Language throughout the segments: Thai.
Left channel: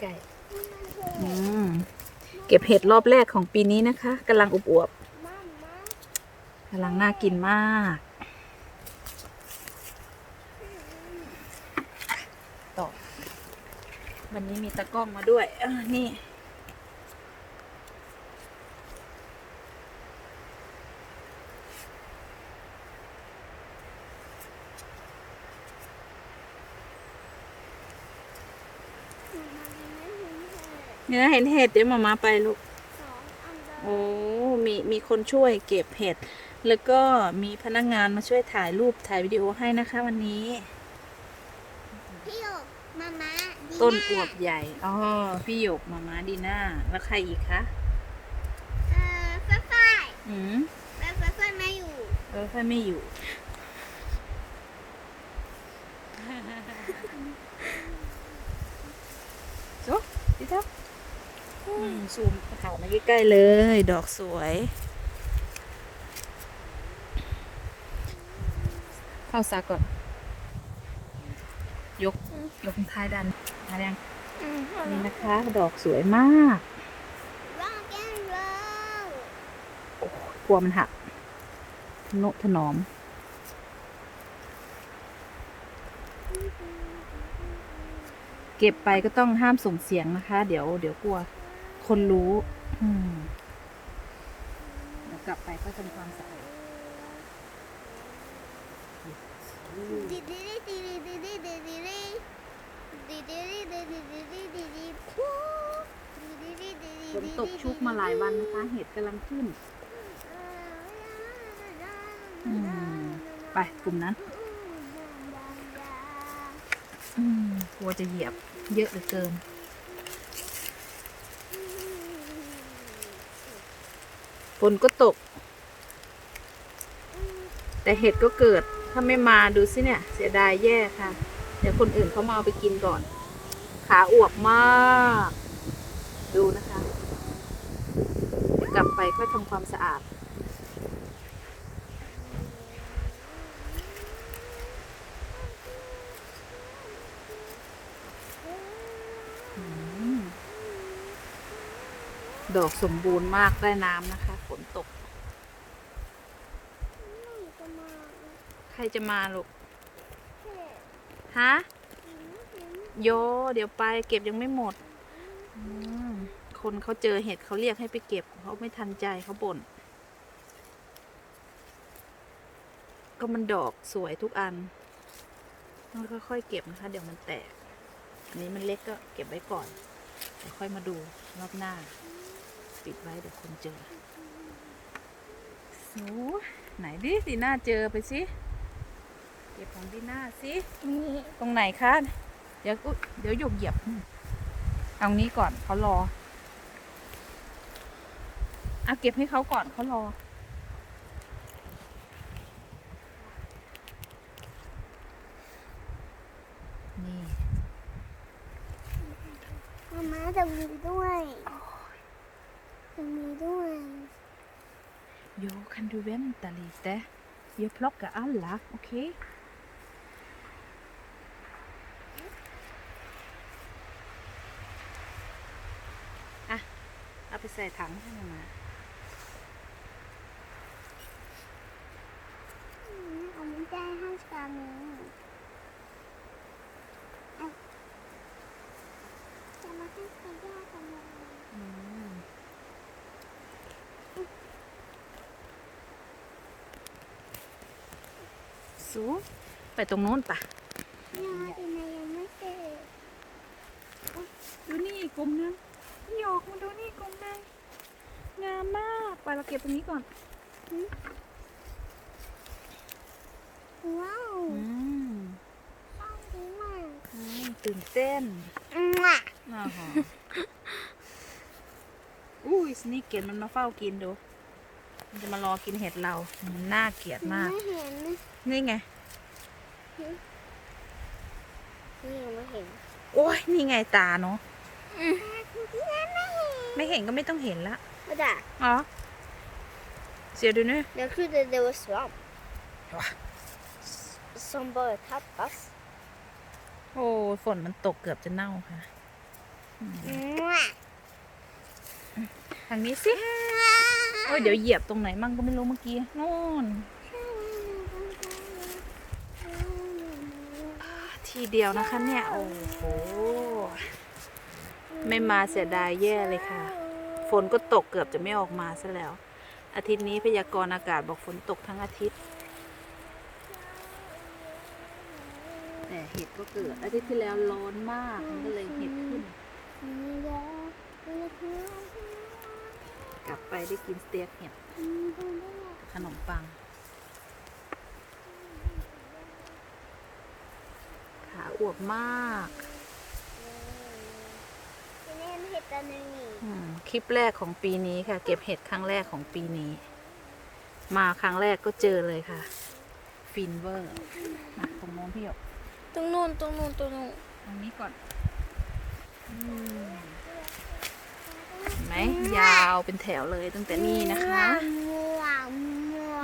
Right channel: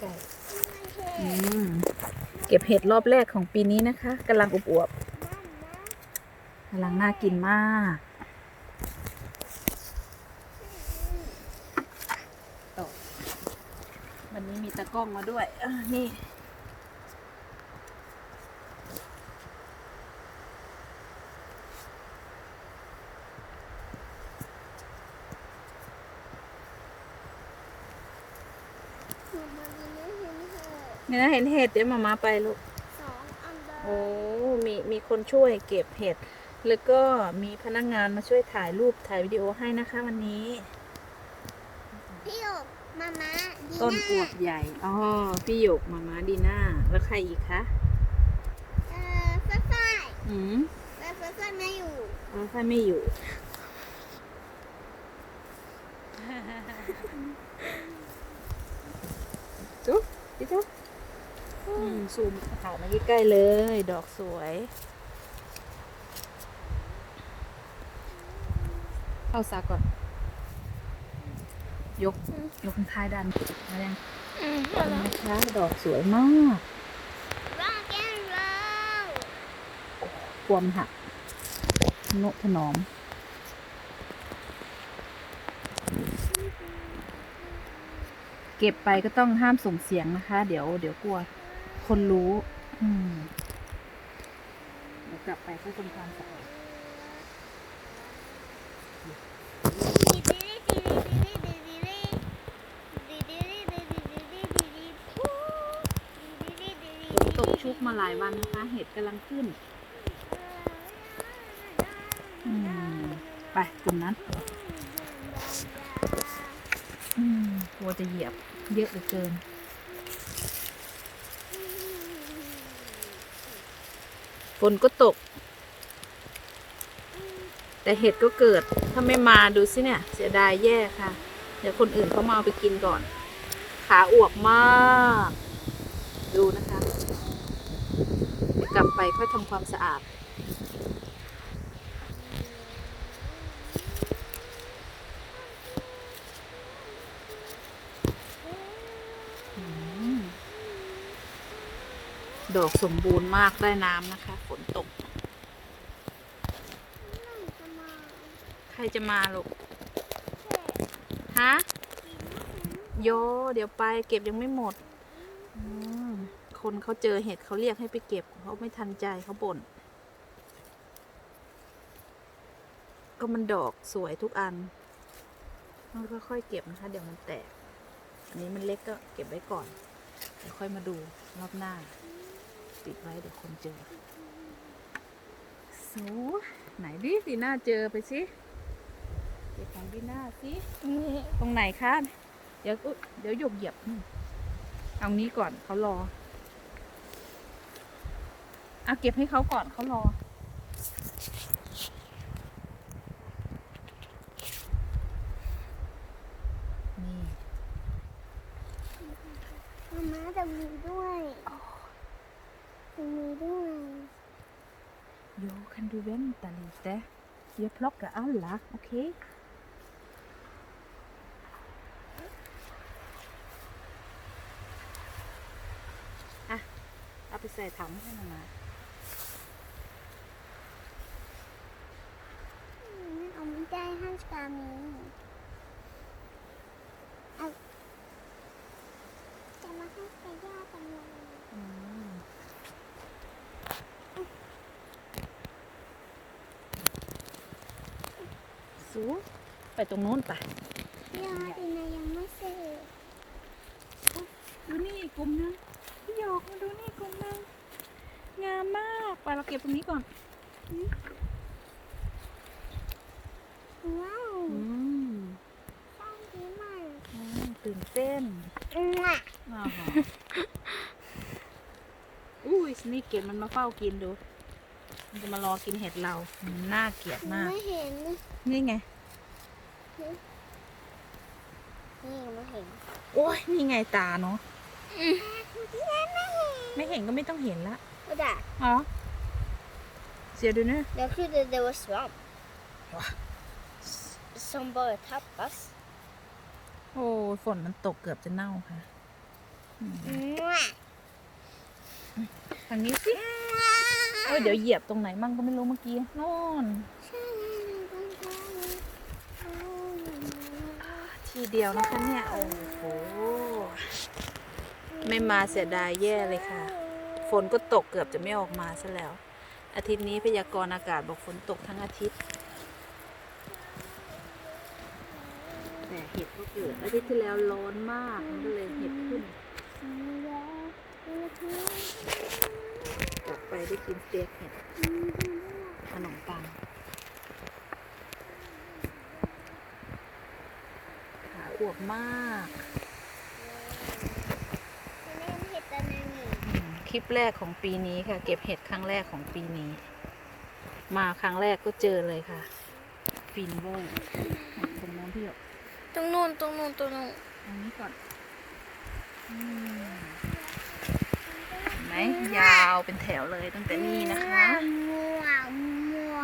ไก่เก็บเห็ดรอบแรกของปีนี้นะคะกำลังอวบๆกำลังน่ากินมาก วันนี้มีตะกร้องมาด้วยนี่ เนื้อเห็นเห็ดเดี๋ยวมามาไปลูกโอ้มีมีคนช่วยเก็บเห็ด แล้วก็มีพนักงานมาช่วยถ่ายรูปถ่ายวิดีโอให้นะคะวันนี้ พี่หยกมาม่าดีต้นอมาวบใหญ่ อ๋อ พี่หยกมามาดีน่าแล้วใครอีกคะ เอ่อฝ้ายฝ้ายอืมฝ้ายฝ้ายฝ้ายไม่อยู่เออถ้าไม่อยู่ จุ๊บพี่จ๊บอืม ซูมถ่ายมาใกล้ๆเลย ดอกสวย เข้าซากก่อน ยก ยกท้ายดันมายังอืมนี่นะคะ ดอกสวยมากร่างแก้วเรากลัวมันหักโนถนอมเก็บไปก็ต้องห้ามส่งเสียงนะคะ เดี๋ยวเดี๋ยวกลัว คนรู้ อืมเดี๋ยวกลับไปก็ทำความสะอาดฝนตกชุกมาหลายวันนะคะ เห็ดกำลังขึ้น อืม ไปกลุ่มนั้น อืมกลัวจะเหยียบเยอะเหลือเกิน ฝนก็ตก แต่เห็ดก็เกิด ถ้าไม่มาดูสิเนี่ย เสียดายแย่ค่ะ เดี๋ยวคนอื่นเขามาเอาไปกินก่อน ขาอวบมาก ดูนะคะเดี๋ยวกลับไปค่อยทำความสะอาด ดอกสมบูรณ์มากได้น้ำนะคะ ฝนตก ใค รจะมาลูก ฮะ โย เดี๋ยวไปเก็บยังไม่หมดมคนเขาเจอเห็ดเขาเรียกให้ไปเก็บเขาไม่ทันใจเขาบ่น ก็มันดอกสวยทุกอันต้องค่อยๆเก็บนะคะ เดี๋ยวมันแตก อันนี้มันเล็กก็เก็บไว้ก่อน เดี๋ยวค่อยมาดูรอบหน้า ปิดไว้เดี๋ยวคนเจอโสไหนดิดีหน่าเจอไปสิ ก็บของดีน่าสิตรงไหนคะ เดี๋ยวอุ๊ยเดี๋ยวหยกเหยียบอืมเอานี้ก่อนเขารอเอาเก็บให้เขาก่อนเขารอ นี่มาม่าจะมีด้วยจะมีด้วย Jo, kan du vänta lite? Vi har plockat alla, okej? อะ เอาไปใส่ถังให้มามาอืมอันนี้ได้ห้สามีเอาจะมาให้ใครได้กันเลยอืมสูไปตรงนู้นปะยังดีนะยังไม่เสร็จดูนี่กลุ่มนั้นพี่หย กมาดูนี่กลุ่มนั้นงามมากไปเราเก็บตรงนี้ก่อนว้าวอืมใช่ดีมากอืมตื่นเต้นอืมอะอ่าฮะอุ้ยสนี่เกตมันมาเฝ้ากินดู มันจะมารอกินเห็ดเรา มันน่าเกลียดมาก ไม่เห็นนี่ไง นี่ยังไม่เห็น โอ้ยนี่ไงตาเนาะพี่แม่ไม่เห็น ไม่เห็นก็ไม่ต้องเห็นละก็ได้อ๋อเสียดูนี่ Jag trodde det var svamp. Va? Som bara tappas. โอ้ฝนมันตกเกือบจะเน่าค่ะอืมมั่วทางนี้สิ โอ้ยเดี๋ยวเหยียบตรงไหนมั่งก็ไม่รู้เมื่อกี้นู่น ทีเดียวนะคะเนี่ย โอ้โห ไม่มาเสียดายแย่เลยค่ะ ฝนก็ตกเกือบจะไม่ออกมาซะแล้ว อาทิตย์นี้พยากรณ์อากาศบอกฝนตกทั้งอาทิตย์แต่เห็ดก็เกิด อาทิตย์ที่แล้วร้อนมากมันก็เลยเห็ดขึ้น กลับไปได้กินสเต็กเห็ดขนมปัง ขาอวบมาก ตัวนึงนี่อืมคลิปแรกของปีนี้ค่ะ เก็บเห็ดครั้งแรกของปีนี้ มาครั้งแรกก็เจอเลยค่ะ ฟินเวอร์อะตรงโน้นพี่หยกตรงนู้นตรงนู้นตรงนู้นตรงนี้ก่อนอืมเห็นไหมยาวเป็นแถวเลยตั้งแต่นี่นะคะมั่วมั่ว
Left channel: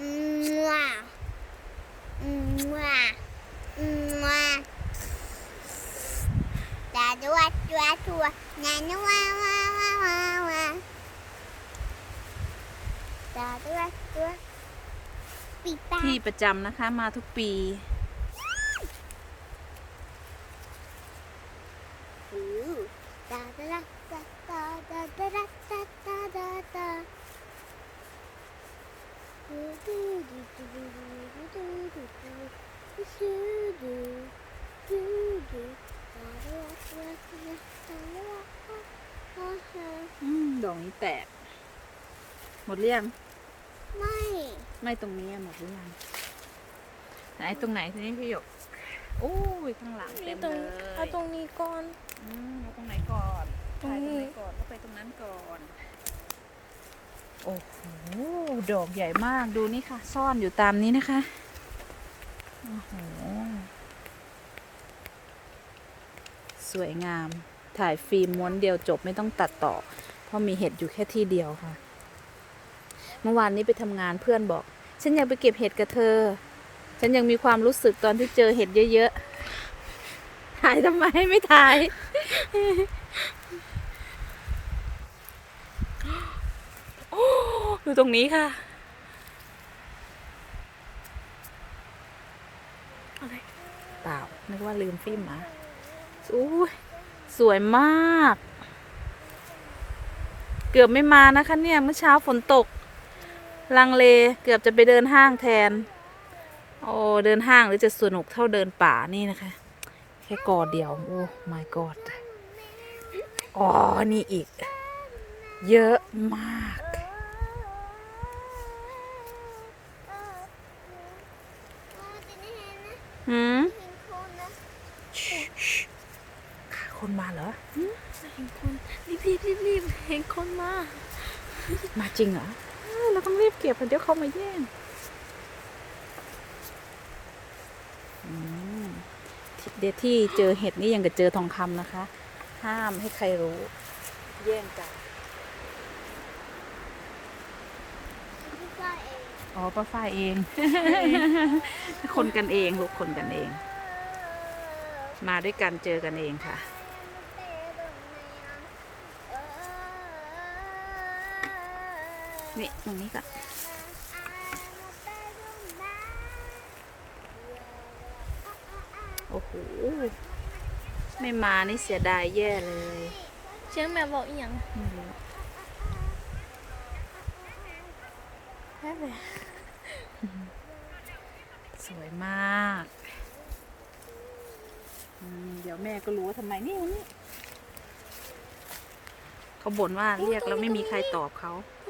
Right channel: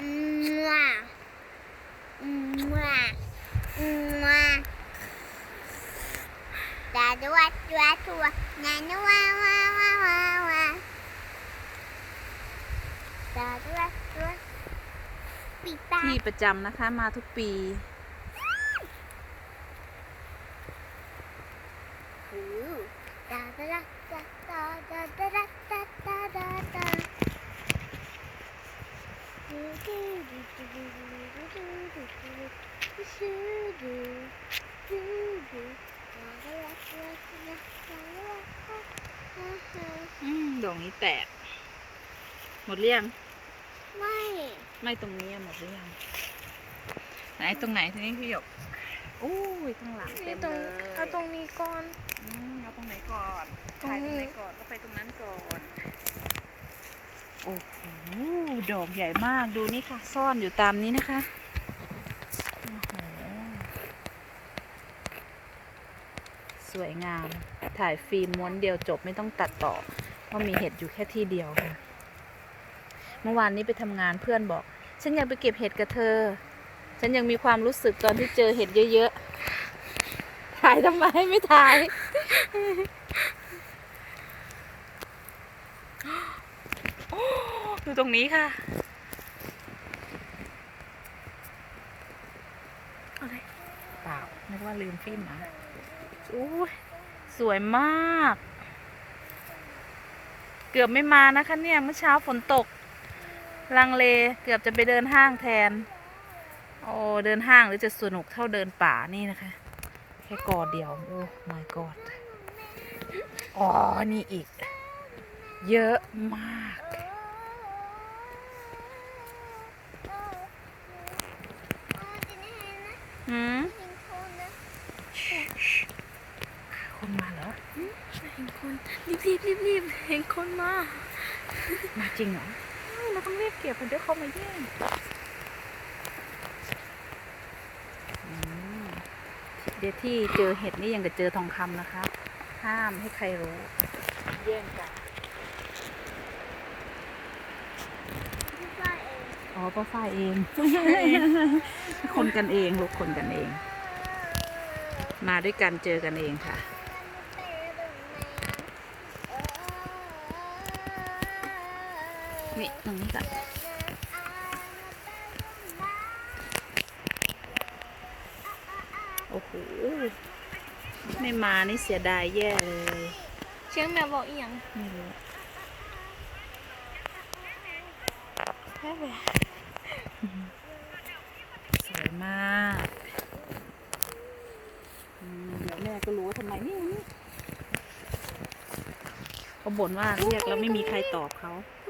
มั่วมั่วมั่วตาดวยตัวตัวนานัววาวาวาวาตาดวยตัวปีตาที่ประจำนะคะมาทุกปี ดอกนี้แตก หมดเรียงไม่ ไม่ตรงนี้อะหมดหรือยังไหนตรงไหนทีนี้พี่หยกโอ้ยข้างหลังนี่เต็มตรงเลยเอาตรงนี้ก่อน อืมเอาตรงไหนก่อนตรงถ่ายตรงไหนนี้ก่อนก็ไปตรงนั้นก่อนโอ้โหดอกใหญ่มากดูนี่ค่ะ ซ่อนอยู่ตามนี้นะคะโอ้โหสวยงาม ถ่ายฟิล์มม้วนเดียวจบไม่ต้องตัดต่อ เพราะมีเห็ดอยู่แค่ที่เดียวค่ะ เมื่อวานนี้ไปทำงานเพื่อนบอก ฉันอยากไปเก็บเห็ดกับเธอ ฉันยังมีความรู้สึกตอนที่เจอเห็ดเยอะๆ ถ่ายทำไมไม่ถ่าย ดูตรงนี้ค่ะ อะไรเปล่านึกว่าลืมฟิล์มมาอู้ยสวยมาก เกือบไม่มานะคะเนี่ยเมื่อเช้าฝนตก ลังเลเกือบจะไปเดินห้างแทน โอ้เดินห้างหรือจะสนุกเท่าเดินป่านี่นะคะ แค่กอเดียวโอ้ my god อ๋อนี่อีก เยอะมากหืมคนมาเหรอ เห็นคนรีบรีบรีบรีบเห็นคนมามาจริงเหรอเอ้ยเราต้องรีบเก็บเดี๋ยวเขามาแย่งอืมเดี๋ยวที่เจอเห็ดนี่ยังกับเจอทองคำนะคะ ห้ามให้ใครรู้ แย่งกันอ๋อป้าฝ้ายเอง คนกันเองลูกคนกันเอง มาด้วยกันเจอกันเองค่ะ นี่ตรงนี้ก่อนโอ้โห ไม่มานี่เสียดายแย่เลย เชียงแม่บอกอีหยังไม่รู้แพ้ไปสวยมากอืมเดี๋ยวแม่ก็รู้ว่าทำไมนี่นี่เขาบ่นว่าเรียกแล้วไม่มีใครตอบเขา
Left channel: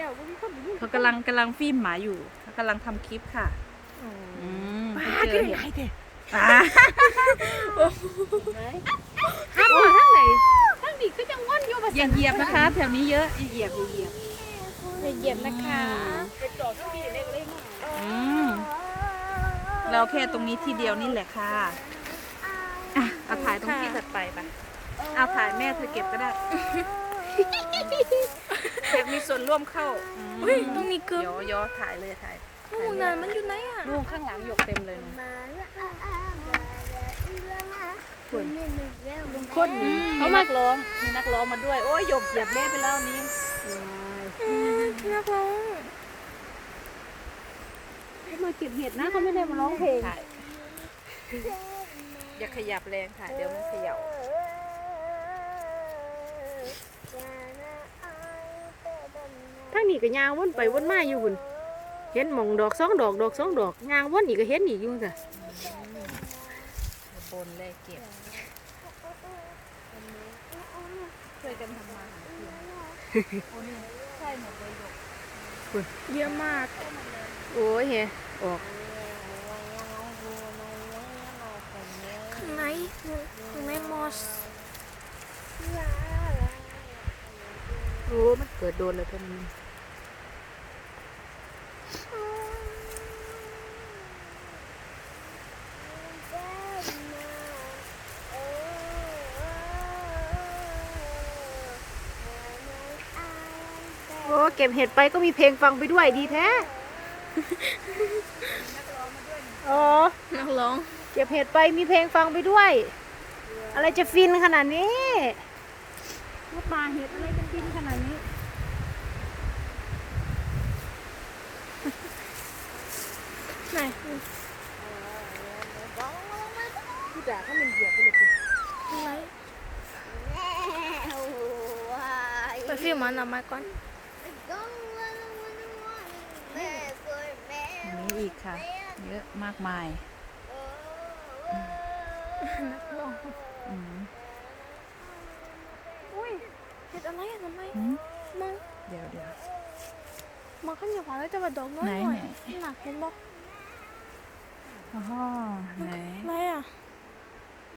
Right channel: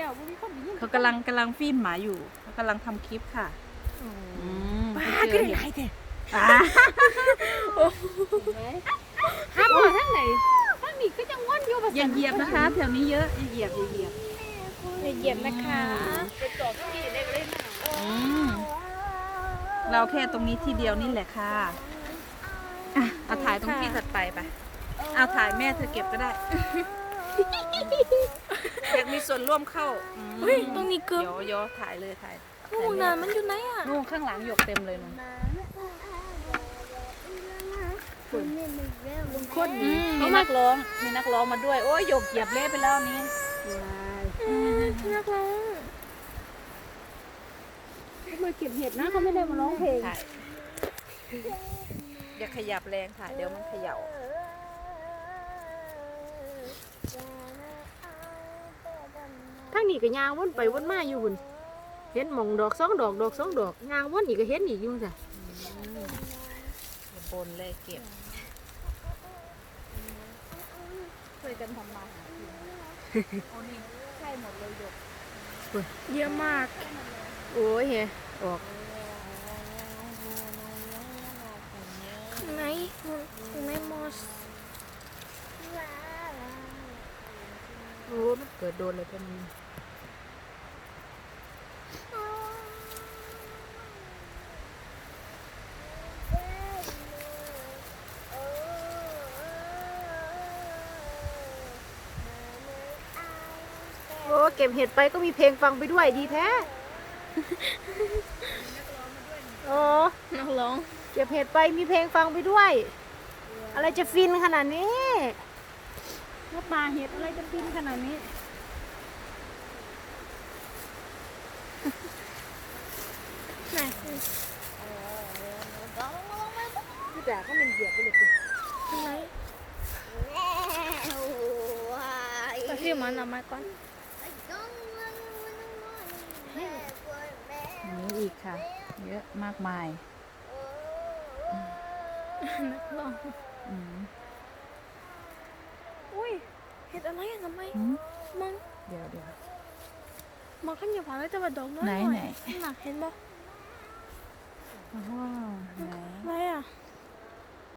แม่มองอยู่ม้วนอยู่อืมได้ค่ะนี่ครับพวกเขากำลังกำลังฟิล์มหมาอยู่เขากำลังทำคลิปค่ะอืมเขาเจอเห็นอ่าโอ้ทั้งไหนทั้งนี้ก็ยังว่อนอยู่ภาษาอย่าเหยียบนะคะ แถวนี้เยอะอย่าเหยียบอย่าเหยียบอย่าเหยียบนะคะอืมเราแค่ตรงนี้ทีเดียวนี่แหละค่ะอะเอาถ่ายตรงที่ถัดไปไปเอาถ่ายแม่เธอเก็บก็ได้ เด็กมีส่วนร่วมเข้าเฮ้ยตรงนี้เกือบย่อย่อถ่ายเลยถ่ายนู่นน่ะมันอยู่ไหนอะนู่นข้างหลังหยกเต็มเลยนะลุงคนเขามากร้องมีนักร้องมาด้วย โอ้ยหยกเหยียบเละไปแล้วนี้อืมนักร้องเขามาเก็บเห็ดนะเขาไม่ได้มาร้องเพลงอย่าขยับแรงค่ะ เดี๋ยวมันเขย่า ทางนี้ก็ยางวนไปวนมาอยู่หุ่นเห็นหมองดอกสองดอกดอกสองดอกยางวนอีกก็เห็นอีกอยู่จ้ะบนเลยเก็บช่วยกันทำมาหากินโอ้นี่ใช่หมดเลยหยกเยอะมาก โอ้ยเฮออกข้างในข้างในมอสโอ้มันเกิดโดนเลยเป็น ก็บเห็ดไปก็มีเพลงฟังไปด้วยดีแท้โอ้นักร้อง เก็บเห็ดไปมีเพลงฟังไปด้วย อะไรจะฟินขนาดนี้ว่าปลาเห็ดอะไรจะฟินขนาดนี้ ไหนพี่ด่าเขาเป็นเหยียบไปเลยสิข้างในไปซื้อมันเอามาก่อน กค่ะ เยอะมากมายนักร้องอืมอุ้ยเห็ดอะไรอะทำไมหืมมองเดี๋ยวเดี๋ยวมองขึ้นอยู่ผ่านแล้วจะมาดอกน้อยไหนหน่อยไหนหนักเห็นบอกอ๋อไหนอะไรอะ